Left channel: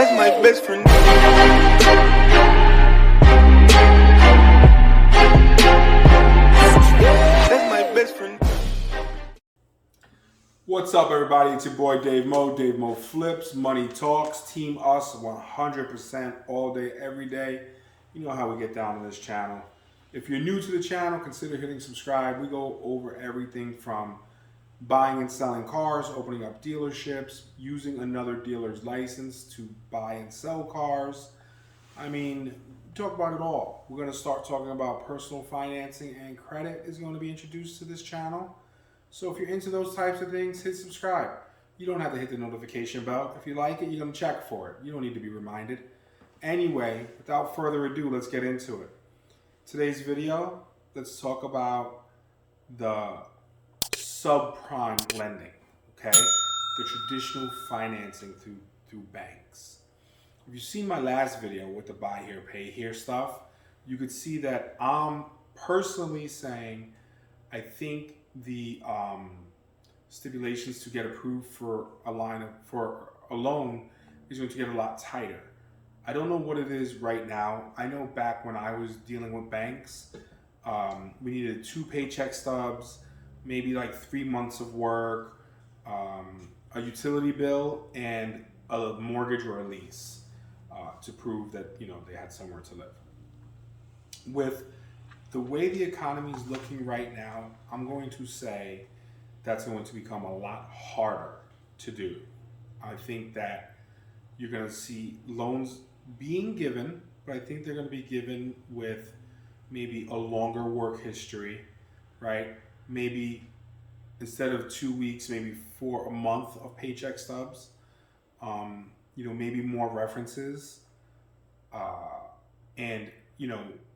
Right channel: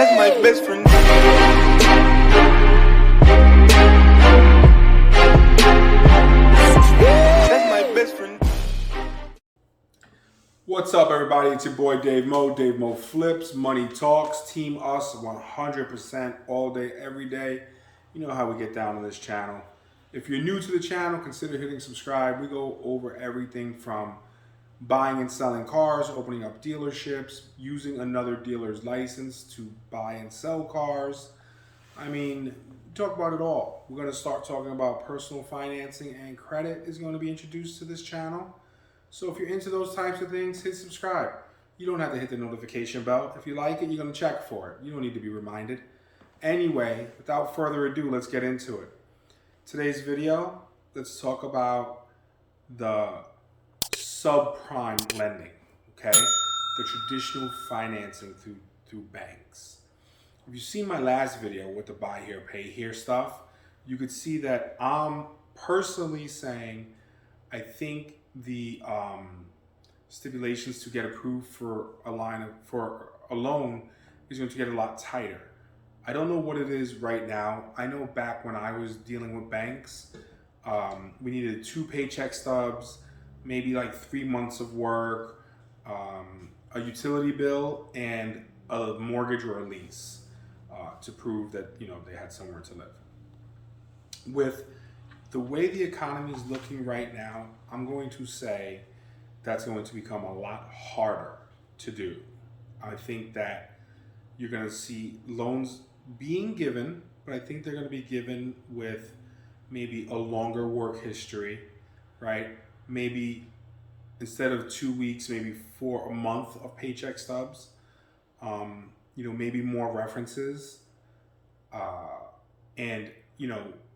That's my best friend. That's my best friend. What's up, everybody? It's your boy Dave Mo Flips, Money Talks, Team Us 100% all day, every day. You know how we get down on this channel. If you're new to the channel, consider hitting subscribe. We go over everything from buying and selling cars, opening up dealerships, using another dealer's license to buy and sell cars. I mean, we talk about it all. We're going to start talking about personal financing, and credit is going to be introduced to this channel. So if you're into those types of things, hit subscribe. You don't have to hit the notification bell. If you like it, you're going to check for it. You don't need to be reminded. Anyway, without further ado, let's get into it. Today's video, let's talk about the subprime lending, okay? The traditional financing through banks. If you've seen my last video with the buy here, pay here stuff, you could see that I'm personally saying I think the stipulations to get approved for a loan is going to get a lot tighter. I don't know what it is right now. I know back when I was dealing with banks, we needed 2 paycheck stubs, maybe like 3 months of work, a utility bill, and a mortgage or a lease to prove that they had somewhere to live. With the way the economy is looking right now, I'm going to say that's going to become a lot harder to do. I think that you're going to see loans being given, but I think they're going to be given with maybe a longer work history, right? Maybe instead of 2 weeks, maybe for a month of paycheck stubs, maybe more references. And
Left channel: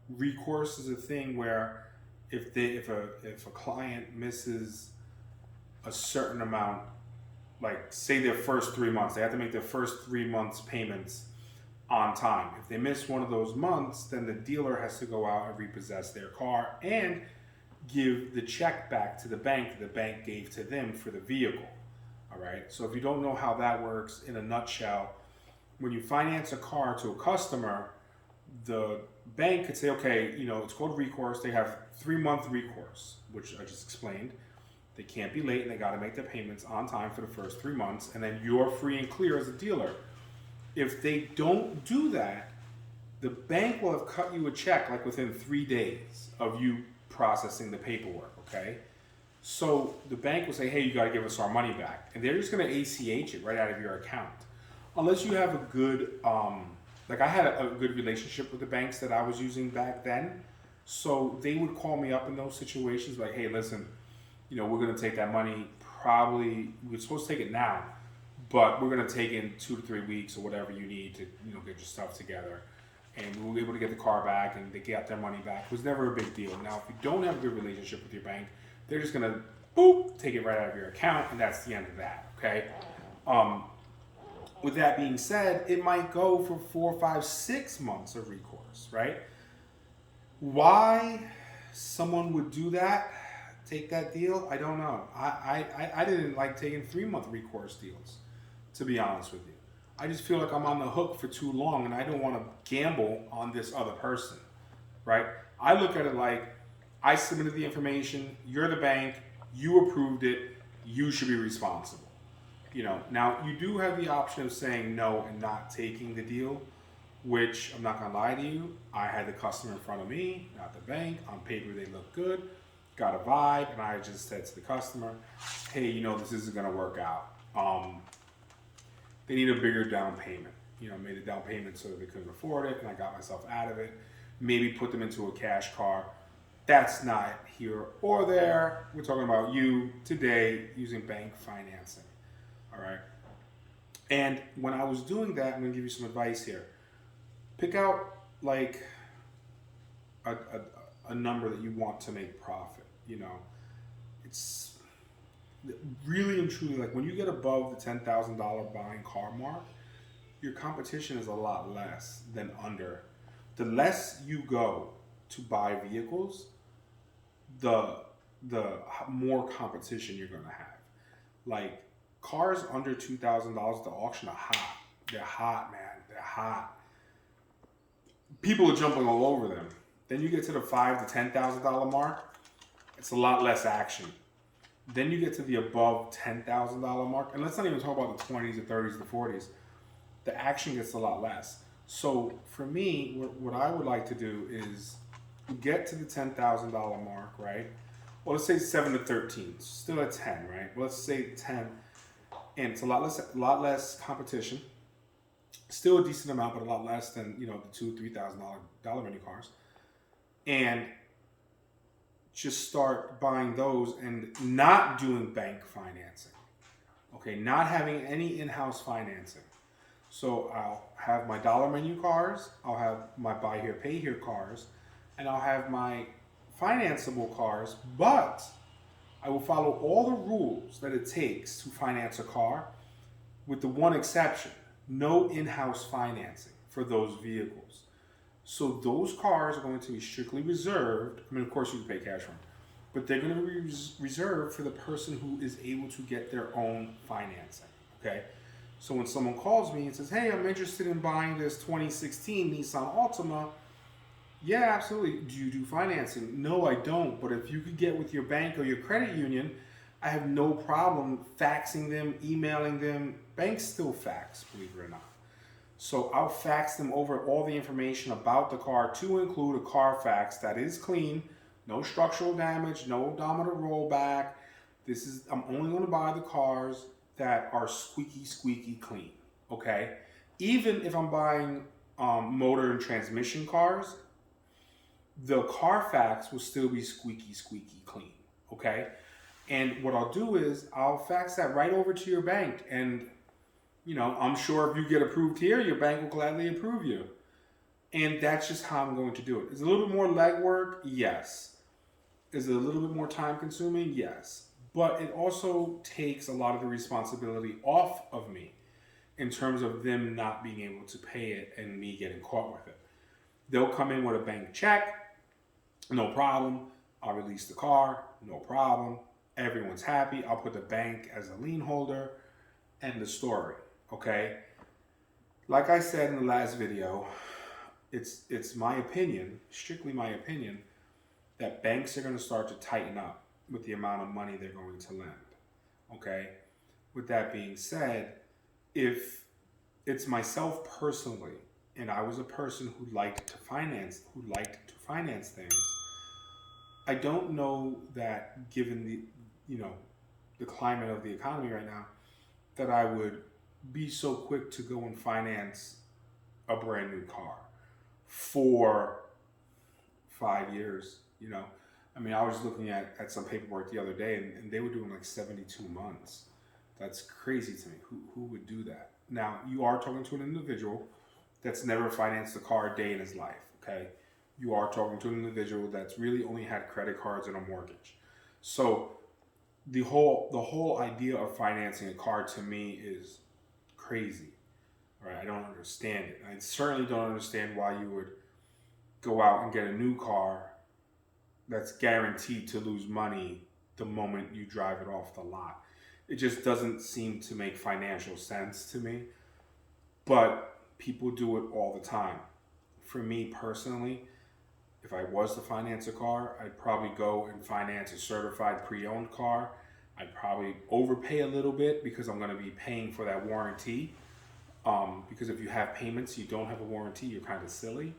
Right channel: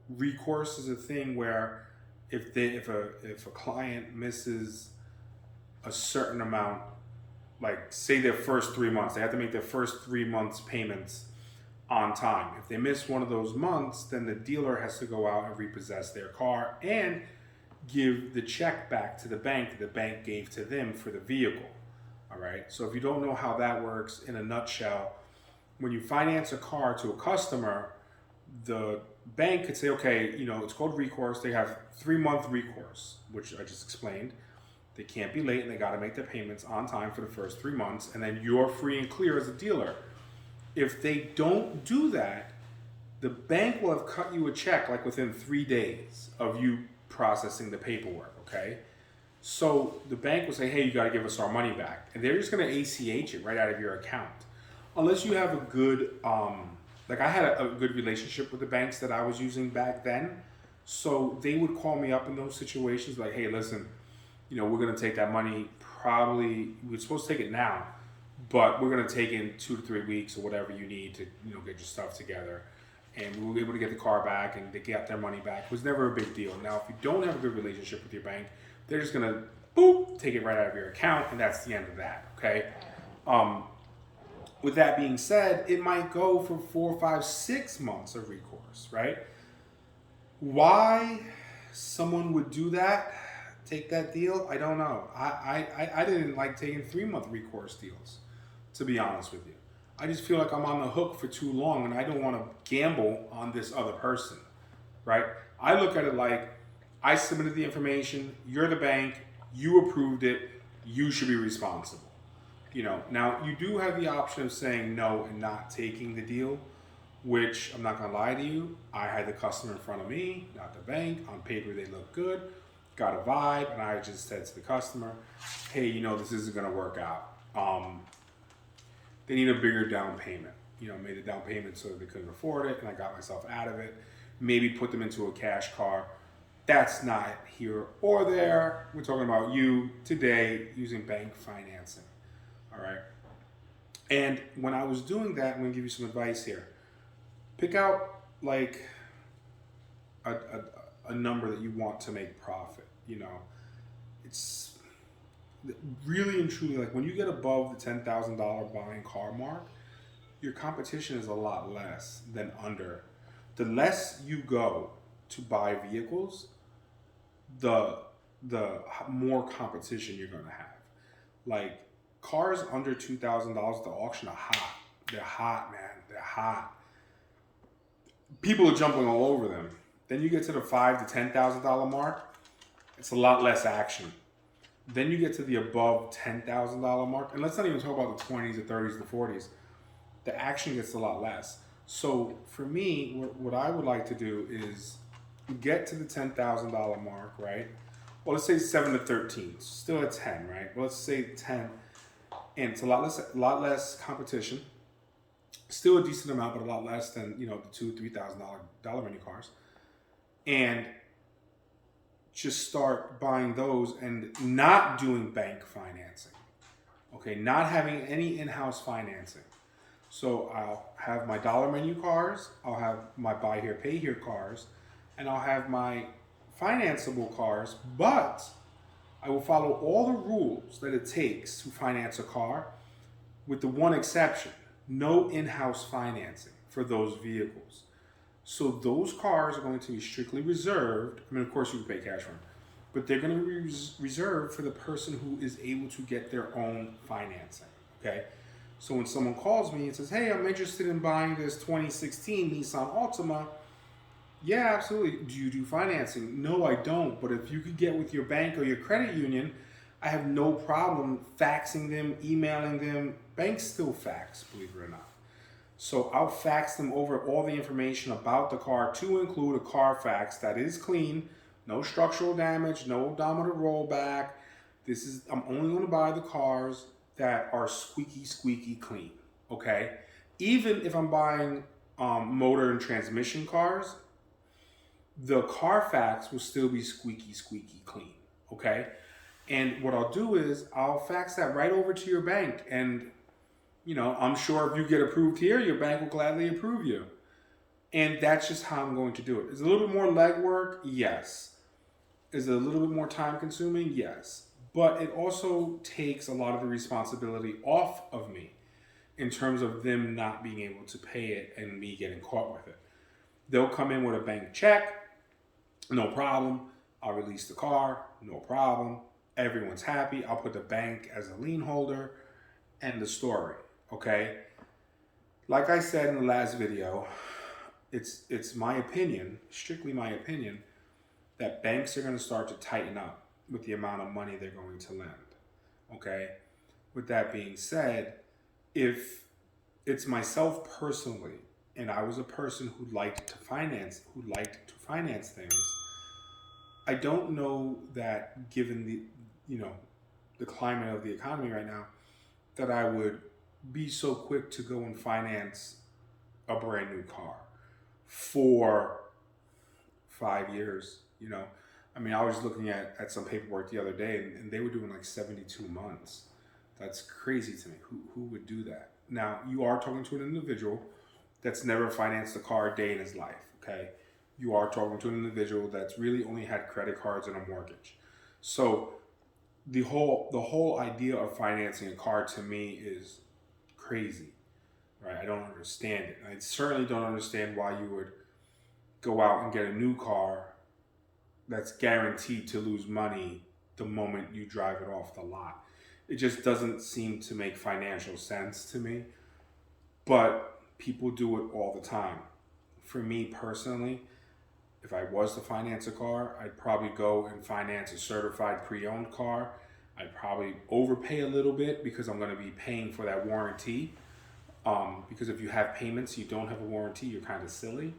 recourse is a thing where if a client misses a certain amount, like say their first 3 months, they have to make their first 3 months payments on time. If they miss one of those months, then the dealer has to go out and repossess their car and give the check back to the bank gave to them for the vehicle. All right. So if you don't know how that works in a nutshell, when you finance a car to a customer, the bank could say, okay, it's called recourse. They have 3-month recourse, which I just explained. They can't be late and they got to make their payments on time for the first 3 months. And then you're free and clear as a dealer. If they don't do that, the bank will have cut you a check like within 3 days of you processing the paperwork. Okay. So the bank will say, hey, you got to give us our money back. And they're just going to ACH it right out of your account. Unless you have a good, I had a good relationship with the banks that I was using back then. So they would call me up in those situations like, hey, listen, we're going to take that money probably, we're supposed to take it now, but we're going to take in 2 to 3 weeks or whatever you need to, get your stuff together. And we were able to get the car back and they got their money back. It was never a big deal. Now, if you don't have a good relationship with your bank, they're just going to, take it right out of your account, and that's the end of that, okay? With that being said, it might go for 4, 5, 6 months of recourse, right? Why someone would do that, take that deal, I don't know. I didn't like taking 3-month recourse deals, to be honest with you. I just feel like I'm on the hook for too long and I don't want to gamble on this other person, right? I look at it like I submitted the information, you're the bank, you approved it, you should be responsible. Now you do have the option of saying no and not taking the deal, which I'm not going to lie to you. I had the customer in front of me, not the bank. On paper, they look good, got a vibe. And I just said to the customer, hey, this isn't going to work out. They need a bigger down payment. Made the down payment so that they couldn't afford it. And I got myself out of it. Maybe put them into a cash car. That's not here or there. We're talking about you today using bank financing. All right. And when I was doing that, I'm going to give you some advice here. Pick out like a number that you want to make profit. It's really and truly like when you get above the $10,000 buying car mark, your competition is a lot less than under. The less you go to buy vehicles, the more competition you're going to have. Like cars under $2,000 at the auction are hot. They're hot, man. hot. People are jumping all over them. Then you get to the $5,000 to $10,000 mark, it's a lot less action. Then you get to the above $10,000 mark, and let's not even talk about the 20s, the 30s, the 40s. The action gets a lot less. So for me, what I would like to do is get to the $10,000 mark, right? Well, let's say 7 to 13, still at 10, right? Well, let's say 10, and it's a lot less competition. Still a decent amount, but a lot less than the $2,000-$3,000 menu cars, and just start buying those and not doing bank financing. Okay, not having any in-house financing. So I'll have my dollar menu cars, I'll have my buy here, pay here cars, and I'll have my financeable cars, but I will follow all the rules that it takes to finance a car, with the one exception: no in-house financing for those vehicles. So those cars are going to be strictly reserved. I mean, of course, you can pay cash for them, but they're going to be reserved for the person who is able to get their own financing. Okay. So when someone calls me and says, "Hey, I'm interested in buying this 2016 Nissan Altima," yeah, absolutely. Do you do financing? No, I don't. But if you could get with your bank or your credit union, I have no problem faxing them, emailing them. Banks still fax, believe it or not. So I'll fax them over all the information about the car, to include a Carfax that is clean, no structural damage, no odometer rollback. I'm only going to buy the cars that are squeaky clean. Okay, even if I'm buying motor and transmission cars, the Carfax will still be squeaky clean. Okay, and what I'll do is I'll fax that right over to your bank, and I'm sure if you get approved here, your bank will gladly approve you. And that's just how I'm going to do it. Is it a little bit more legwork? Yes. Is it a little bit more time consuming? Yes. But it also takes a lot of the responsibility off of me in terms of them not being able to pay it and me getting caught with it. They'll come in with a bank check, no problem. I'll release the car, no problem. Everyone's happy. I'll put the bank as a lien holder. End the story. Okay, like I said in the last video, it's my opinion, strictly my opinion, that banks are going to start to tighten up with the amount of money they're going to lend. Okay, with that being said, if it's myself personally, and I was a person who liked to finance things, I don't know that, given the climate of the economy right now, that I would be so quick to go and finance a brand new car for 5 years. I mean, I was looking at some paperwork the other day, and they were doing like 72 months. That's crazy to me. Who would do that? Now, you are talking to an individual that's never financed a car a day in his life. Okay, you are talking to an individual that's really only had credit cards and a mortgage. So the whole idea of financing a car, to me, is crazy. Right? I don't understand it. I certainly don't understand why you would go out and get a new car that's guaranteed to lose money the moment you drive it off the lot. It just doesn't seem to make financial sense to me. But people do it all the time. For me personally, if I was to finance a car, I'd probably go and finance a certified pre-owned car. I'd probably overpay a little bit because I'm going to be paying for that warranty. Because if you have payments, you don't have a warranty, you're kind of silly.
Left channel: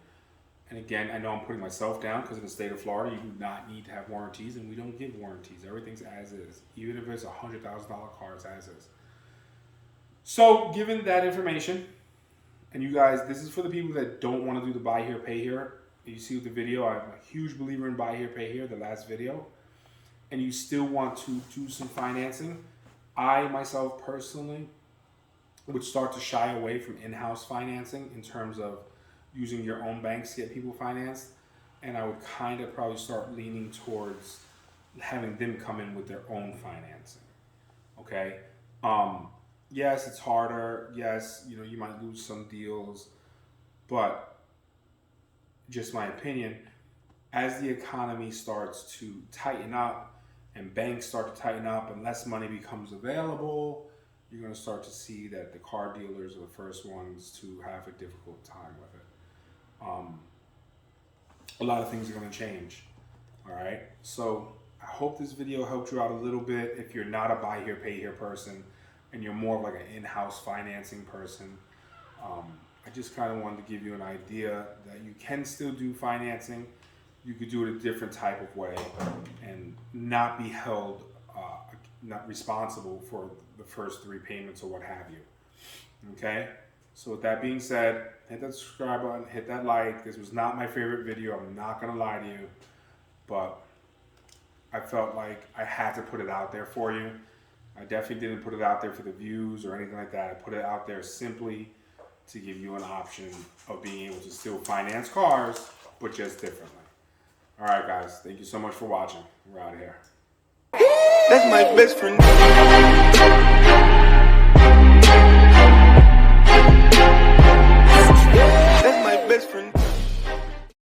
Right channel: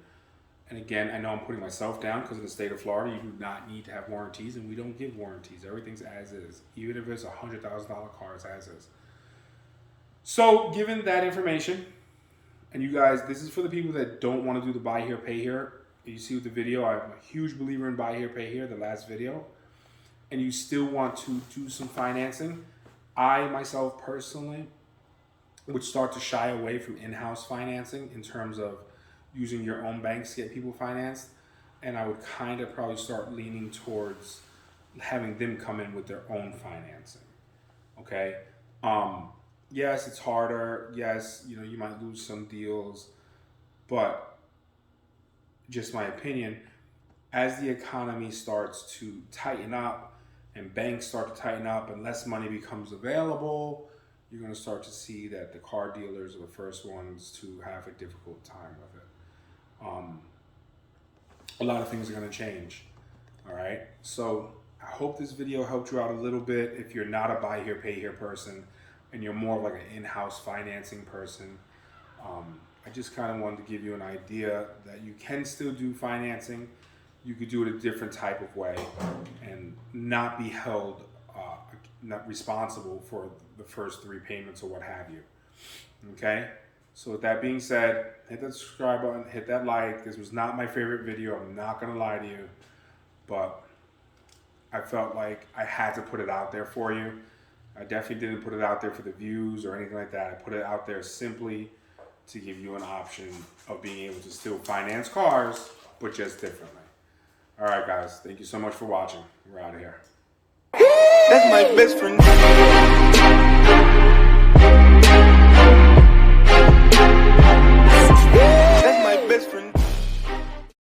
And again, I know I'm putting myself down because in the state of Florida, you do not need to have warranties, and we don't give warranties. Everything's as is. Even if it's a $100,000 car, it's as is. So given that information, and you guys, this is for the people that don't want to do the buy here, pay here. You see with the video, I'm a huge believer in buy here, pay here, the last video. And you still want to do some financing, I myself personally would start to shy away from in-house financing in terms of using your own banks to get people financed. And I would kind of probably start leaning towards having them come in with their own financing. Okay. Yes, it's harder. Yes, you might lose some deals, but just my opinion, as the economy starts to tighten up and banks start to tighten up and less money becomes available, you're going to start to see that the car dealers are the first ones to have a difficult time with it. A lot of things are going to change. All right. So I hope this video helped you out a little bit. If you're not a buy here, pay here person, and you're more of like an in-house financing person, I just kind of wanted to give you an idea that you can still do financing. You could do it a different type of way and not be held not responsible for the first 3 payments or what have you. Okay? So with that being said, hit that subscribe button, hit that like. This was not my favorite video, I'm not gonna lie to you, but I felt like I had to put it out there for you. I definitely didn't put it out there for the views or anything like that. I put it out there simply to give you an option of being able to still finance cars, but just differently. All right, guys, thank you so much for watching. We're out of here. That's my best friend.